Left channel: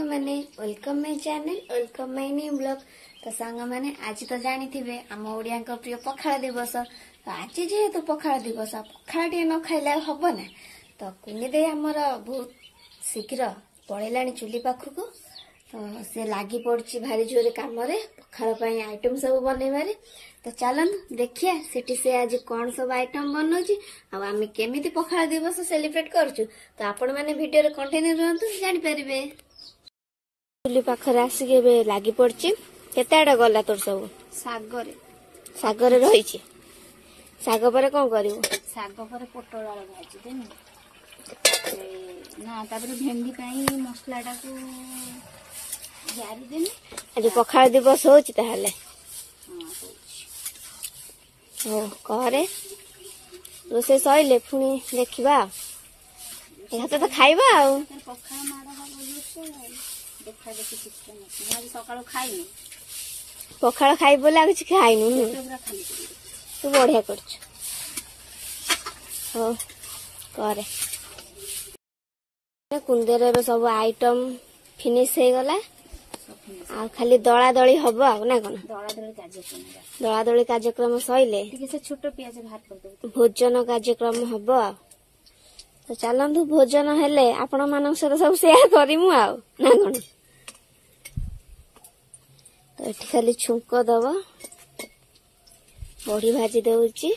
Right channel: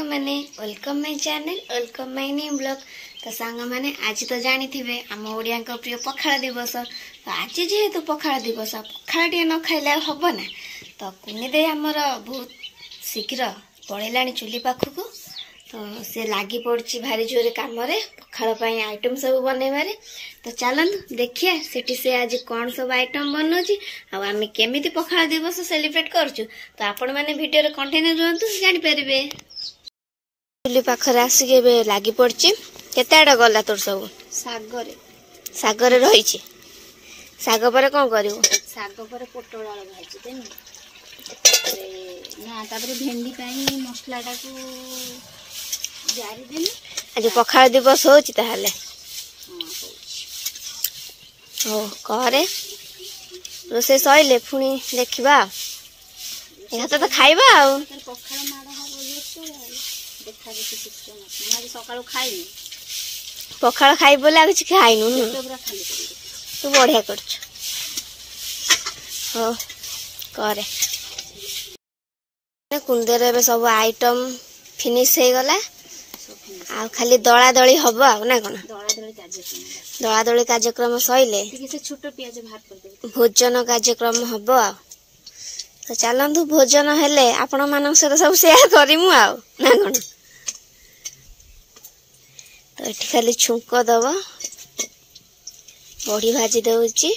मैंने welcome my channel welcome my new blog. तो सांग मैंने आज तो जानी थे आम ओडिया प्रिय पखाड़ दिवस। तो आज जेहेतु पखाड़ दिवस पखाड़ टे न खाइले हम ना। तो कुनी दे आमर बहुत शीघ्र पलैला चुली पाखक। तो से लगी पड़ी भारी जोरे कम पखाड़ आइटम सब बनइबारे। तो चलतु देखिए सेठी से आज कौन सब आइटम बनाऊँगी आम केमी पखाड़ दिवस सेलिब्रेट करूँ। तो आपण मैंने वीडियो कंटिन्यू रुहतु जानीपारे। चुली पाखरे आसिक लगी पड़ी केते आड़ गला तोर सब सागर रही साग पर कौन कर साग पर पोटल आलू भाजी देमी ना तापर भेंडी पाई मसला टाकू जारी देमी। आज पखाड़ दिवस होची ताहले हो करे रोसे सइले पुणी देखिबा हाथ तो खाइबा आ पखाड़ माड़ हम देखा देखी सिस्टम अछि आज सकाळो खाइनी पखाड़ खाइ बोला किछ खाइनु तू बढ़िया कर हो करे कुंदेर एबे सब आइटम फिनिश हो गला आ खाली दला दली हबो आ ना कोन दला दली कार्यक्रम सइले से छोट प्याज भात कर दे भोजन कार्यक्रम हबो आ। तो चलतु भोजन हेले आपण मान सहित सब शेयर करिमु आ ना कोन। तो ये खाली छुंक दब बड़ी भाजी दौची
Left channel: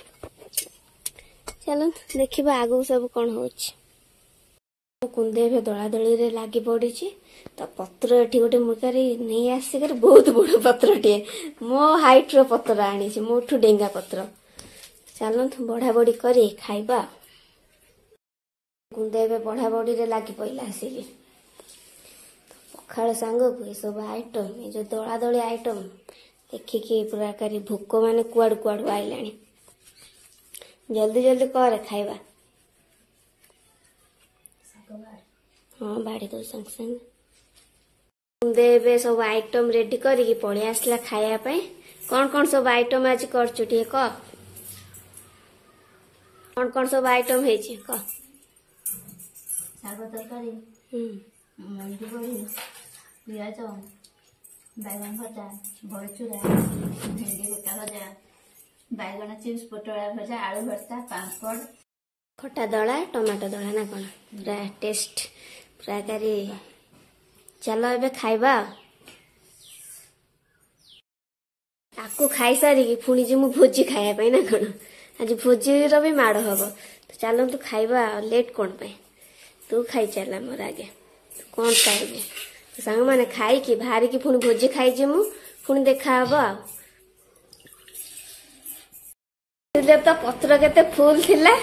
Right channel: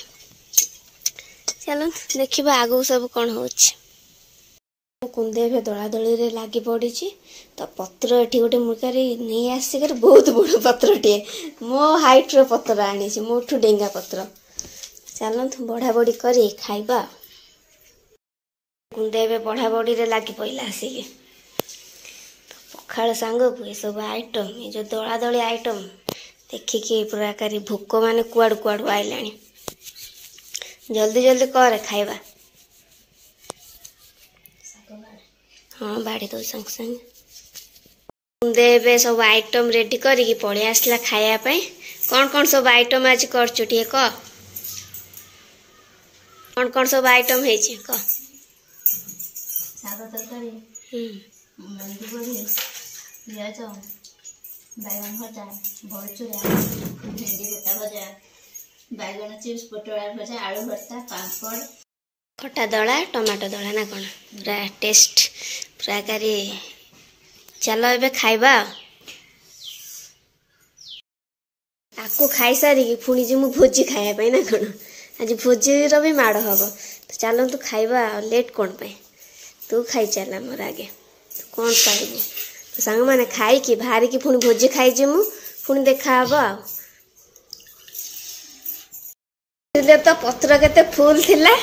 चलो देखा आगू सब कौन हो कुंदे दला दली रे लगी पड़ी। तो पत्र ये गोटे मुर्कारी नहीं आसिक बहुत बड़ पत्र टे मो हाइट रो पत्र आनी मोठू डेंगा पत्र चलतु बढ़ा बढ़ी कर खाइबा। कुंदे बढ़ा बढ़ी रे लगी पड़ा आसिक पखाड़ सांग को ये सब आइटम ये जो दला दली आइटम देखिकी पूरा कारी भोक माने कुआड़ू कुआड़ू आइला जल्दी जल्दी कर खाइबा। हाँ बाड़ी दो संग संग कुंदे सब आइटम रेडी करिकी पड़े आसला खायापाई। कौन सब आइटम आज करचु टे कह कौन सब आइटम है कह साग तरकारी मेहंदी बड़ी पियाज बैगन भजा बड़चूरा भेंडी गोटा भजा बैगन चिप्स पोटल भजा आलू भर्ता पापड़ खटा दला टमाटो दला ना कौन पूरा टेस्ट पूरा कारी चलो एबे खाइबा। आपको खाई सारी पुणी जी मु भोजी खाया ना कौन आज भोजी भी माड़ हम। तो चलो तू खाइबा लेट कौन पाई तू खाई चला मोर आगे तू कौन पाइबू। तो सांग मैंने खाई कि बाहर की पुणी भोजी खाई मु पुणी देखा हम तो पत्र केते फुल थिला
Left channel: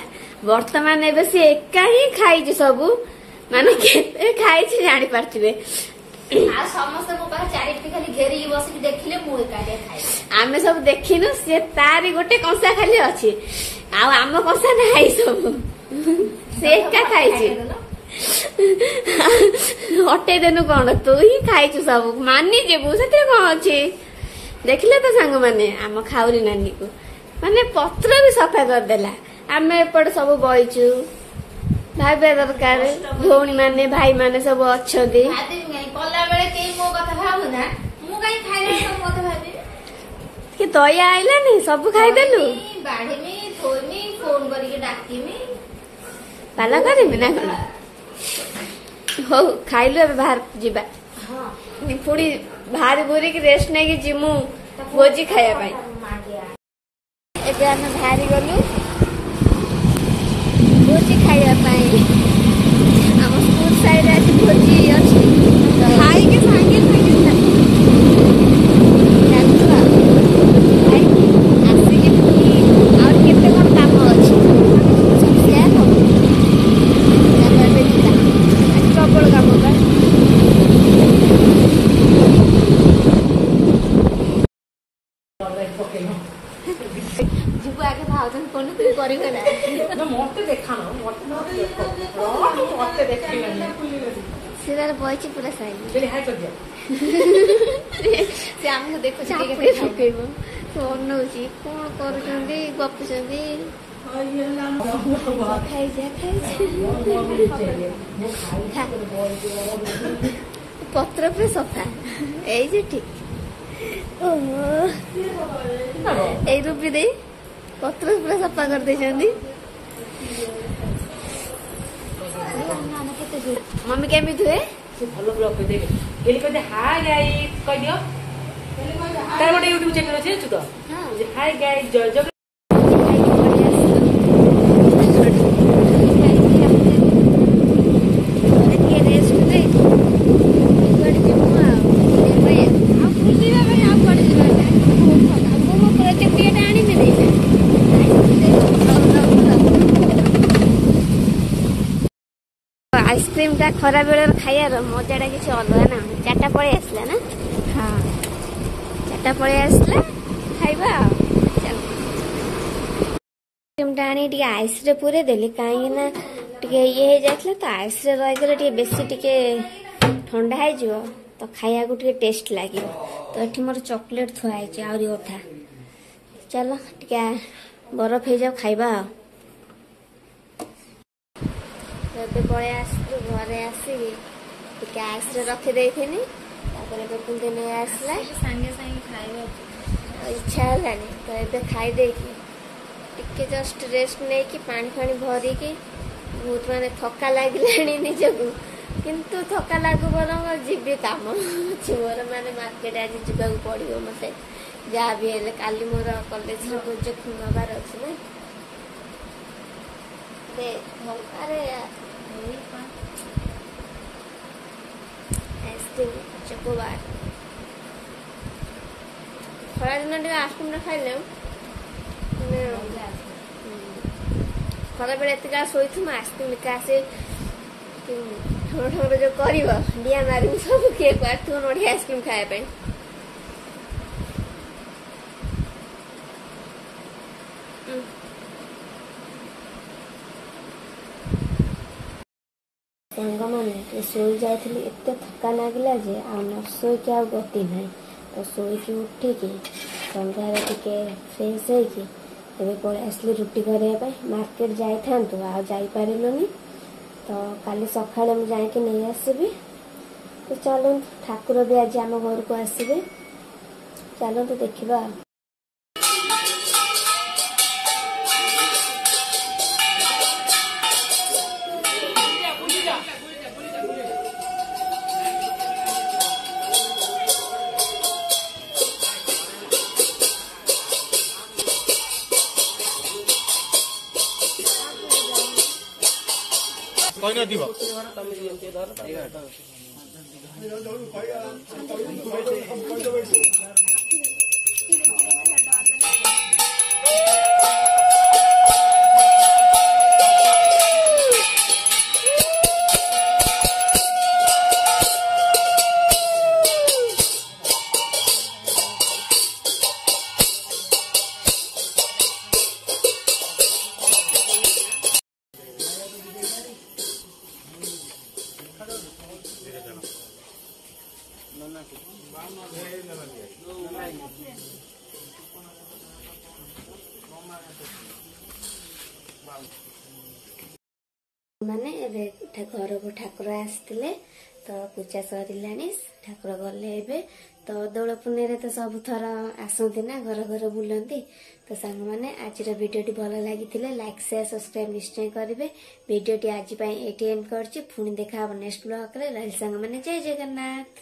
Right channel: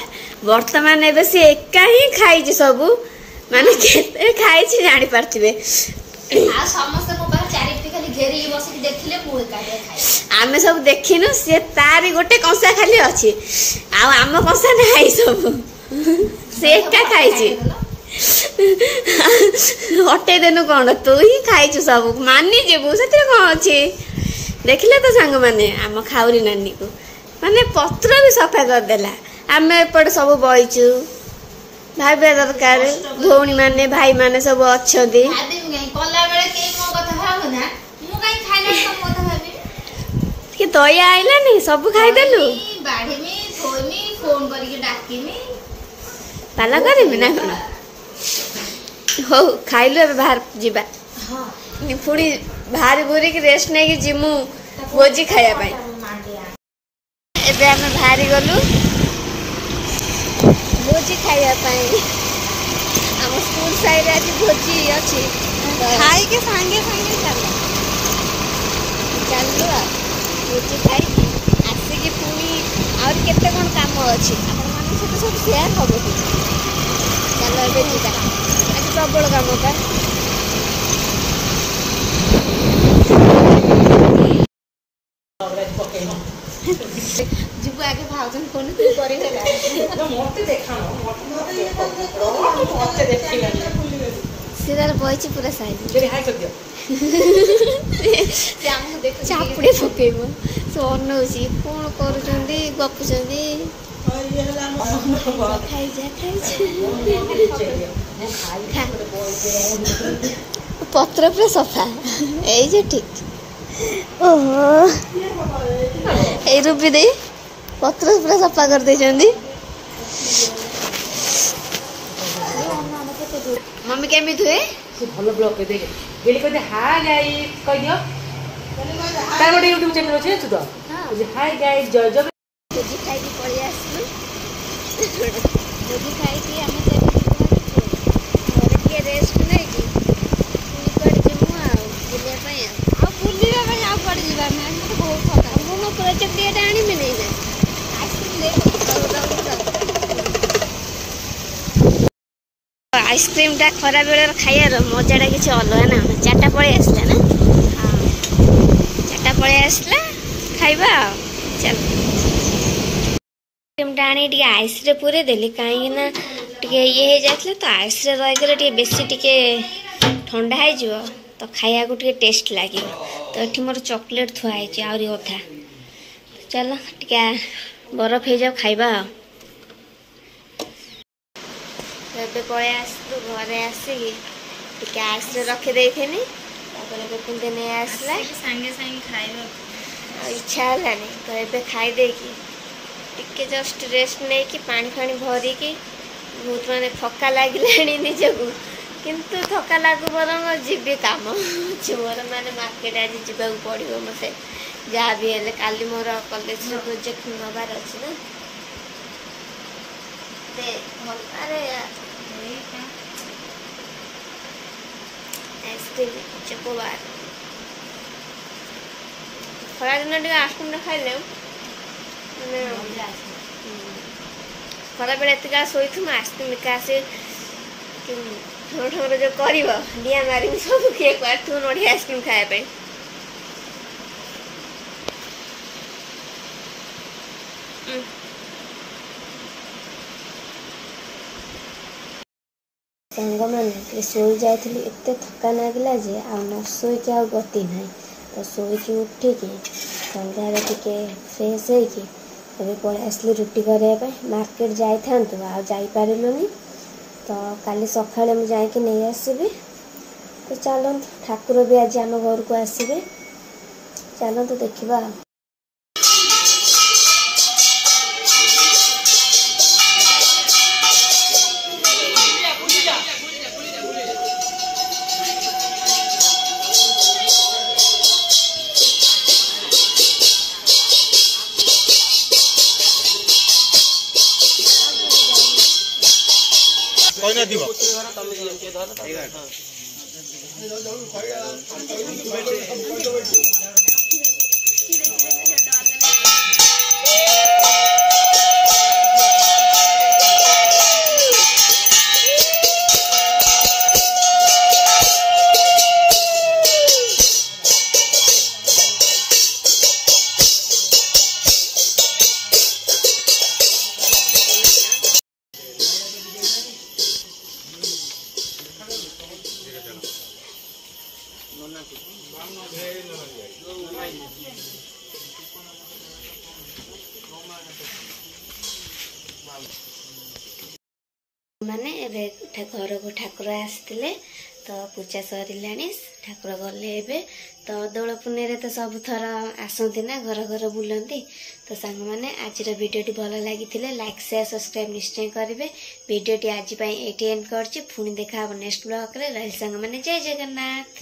वर्तमान एबे से एका ही खाई सबू माने केते खाई जानी पारथिबे आ समस्त को बा चारिटी खाली घेरी बसि देखिले मु एका खाई आमे सब देखिनु से तारी गोटे कंसा खाली अछि आ आम कंसा नाही सब से एका खाई हटे देनु कौन तू ही खाई सब मानी जेबू से कौन अच्छे देखिले तो सांग माने आम खाऊरी नानी को माने पत्र भी सफा करदेला आम एपटे सब बईचु भाई दरकार भौणी माने भाई माने सब अच्छा दया आइला नहीं सब खाईदेलु पाला करमी ना कौन हो खाइलु ए बाहर जीवा पुणी बाहर बुरी रेस्ट नहीं जिमु भोजी खाया पाई एबे आमे बाहरी गलु भोजी खाया पाई हम स्कूल साइड आज भोजी अछि खाई के संगे चलु भोजी खाई आसी के पुणी और केते कोन काम अछि सब शेयर हम चलो एबे जीवा प्रबल काम बा जुबु आगे भाउजन कोन करि ना मते देखानो मते देखिलानी सिदार बयछि पूरा साइड जे हाय कर दियो से हमहु देखो चापड़े फुकेबो सो अनौसी कोन करूचंदी गपुचंदी खाई जा पत्र पे सफा यही जो ठीक ओहो ए रूपी दे पत्र पूरा सफा कर दे मम्मी केमी हुए भल ब्लॉग पे देख गेली कहते हाय गाइस कह दियो तार गोटे यूट्यूब चैनल अछि तू तो हाय गाइस जय जय आइसक्रीम टा खरा बेल खाइबार मजाटा किसी अलग ना चार्टा पलि आसला ना चार्टा पलि आसला खाइबा चल आइसक्रीम टा आनी आइस रे पूरे देली कहीं ना टे ये जाता तो आइस रे रही बेसी टे ठंडा हो तो खाया को टे टेस्ट लगे तो ये मोर चॉकलेट थुआई आहरी अधा चल टे बरफ हो जाओ खाइबा ଏବେ ପଳେଇ ଆସିଲୁ ଘରେ ଆସିକି ଟିକେ ଆଇସ୍ରେ ରଖିଦେଇଥିଲି ତାପରେ ବେପୁଲଟେ ନେଇ ଆସିଲା ସାଙ୍ଗେ ସାଙ୍ଗେ ଖାଇବା ଆଉ ଇଚ୍ଛା ହେଲାନି ତ ଏବେ ଖାଇଦେଇକି ଟିକେ ଜଷ୍ଟ ରେଷ୍ଟ ନେଇକି ପାଣି ଫାଣି ଭରିକି ବହୁତ ମାନେ ଥକା ଲାଗିଲାଣି ନିଜକୁ କିନ୍ତୁ ଥକା ଲାଗୁ ବରଂ ଯିବି କାମ ଅଛି ମୋର ମାନେ ମାର୍କେଟ ଆଜି ଯିବାକୁ ପଡ଼ିବ ମୋତେ ଯାହା ବି ହେଲେ କାଲି ମୋର କଲେଜରେ ପ୍ରୋଜେକ୍ଟ ନେବାର ଅଛି ନା दे अरे आइसक्रीम चकोबार खरा दिन टे आइसक्रीम खाइले खरा बेले एत शोथु आइसक्रीम एका आसे ठोर ठोर जो कर डिया मारी सब किए काटू नड़ी आइसक्रीम खाया सांग मैंने शोई जाइली एत थका लगला जे आ न शोक आ गति ना तो शोक उठिकी सन्ध्या टे फ्रेश होगी पलि आसली रुटी करने मार्केट जाइथान्तु आ जाइपारिलुनी तो काली सकाଳେ ମୁଁ ଯାଇକି ନେଇ ଆସିବି तो चलतु ठाकुर भी आज आम घर को आसबे चलतु देखा कहना दिबो माने घर को ठाकुर आसते तो पूजा सर ठाकुर गले तो दोल पुण्य तो सब थर आसती ना घर घर बुलती तो सांग मैंने आज भिडियोटी भल लगी लाइक शेयर सब्सक्राइब निश्चय करेंगे भिडियोटी आज ये एंड कर पुणी देखा नेक्स्ट ब्लॉग रे रही सांग मैंने जय जगन्नाथ।